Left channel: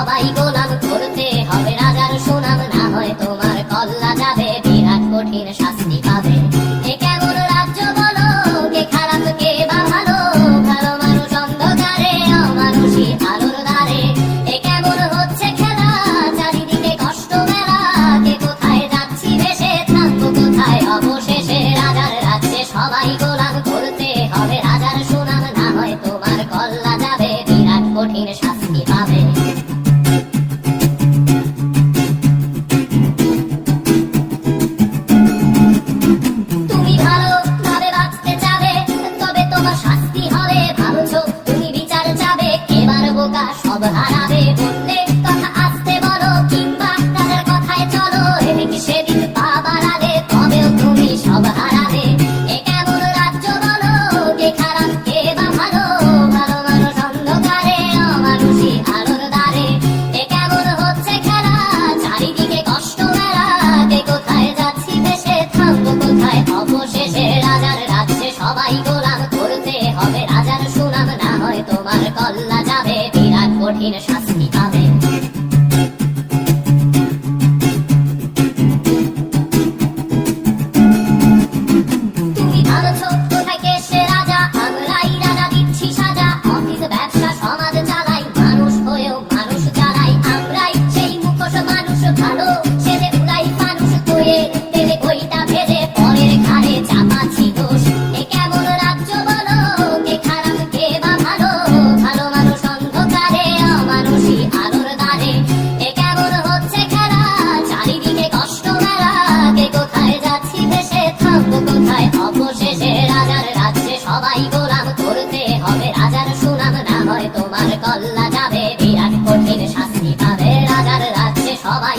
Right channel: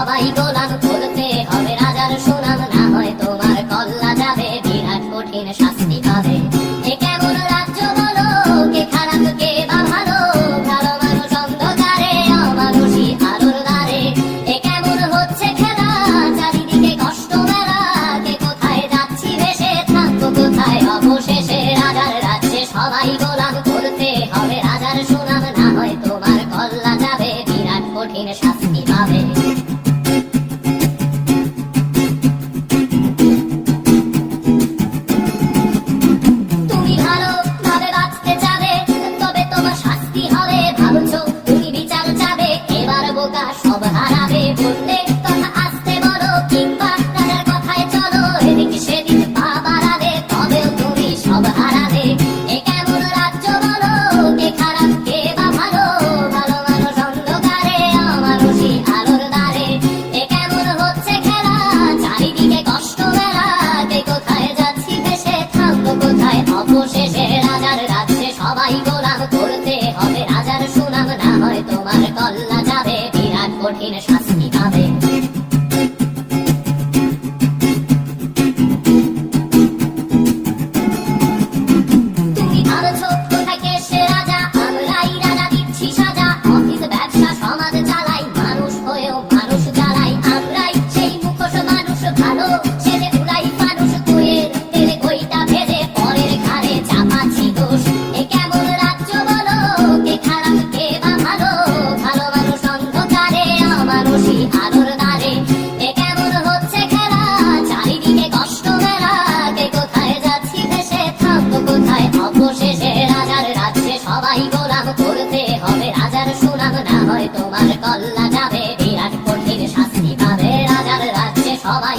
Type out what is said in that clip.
সবাই গোলাম করতে হবে রাজার সুনাম, না হয় তোমার কল্লা যাবে, বিরাট কঠিন শাস্তি পাবে। এ কেমন রাজ্য বলো, কে খারাপ কে বা ভালো, ভালো মানুষ অন্ধকারে, অমানুষী আলোর দ্বারে। এ কেমন হচ্ছে খেলা, চারিদিকে কষ্ট মেলা, কে কোথায় যাচ্ছি ভেসে, থাকবো কোথায় অবশেষে। রাজার রাজ্যে সবাই গোলাম করতে হবে রাজার সুনাম, না হয় তোমার কল্লা যাবে, বিরাট কঠিন শাস্তি পাবে। তুমি ভালো ভাবে বাঁচতে চাবে, তবে তোমার শাস্তি হবে, ভাবছো তুমি বিচার চাবে, এবার বোকা সব হারাবে। বললে কথা আসতে বলো, কিংবা রাজার কথায় চলো, এদিক সেদিক পা বাড়ালে, তবেও তুমি সব হারাবে। এ কেমন রাজ্য বলো, কে খারাপ কে বা ভালো, ভালো মানুষ অন্ধকারে, অমানুষী আলোর দ্বারে। এ কেমন হচ্ছে খেলা, চারিদিকে কষ্ট মেলা, কে কোথায় যাচ্ছি ভেসে, থামবো কোথায় অবশেষে। রাজার রাজ্যে সবাই গোলাম করতে হবে রাজার সুনাম, না হয় তোমার কল্লা যাবে, বিরাট কঠিন শাস্তি পাবে। তুমি ভাবছো কোথায় কে সে রাজা, আমরাই রাজা দিচ্ছি সাজা, অফিস ব্যবসা সমাজ চালাই, মানুষ হয়েও মানুষ জ্বালাই, আমরাই সেই মুখোশ মানুষ ভালো, ছেলে উড়াই মানুষ কইয়ের তেলে কইটা ভেজে, পরের ঘাড়ে চাপাচ্ছি দোষ। এ কেমন রাজ্য বলো, কে খারাপ কে বা ভালো, ভালো মানুষ অন্ধকারে, অমানুষী আলোর দ্বারে। এ কেমন হচ্ছে খেলা, চারিদিকে কষ্ট মেলা, কে কোথায় যাচ্ছি ভেসে, থামবো কোথায় অবশেষে। রাজার রাজ্যে সবাই গোলাম করতে হবে রাজার সুনাম, না হয় তোমার কল্লা যাবে, বিরাট কঠিন শাস্তি পাবে। রাজার রাজ্যে সবাই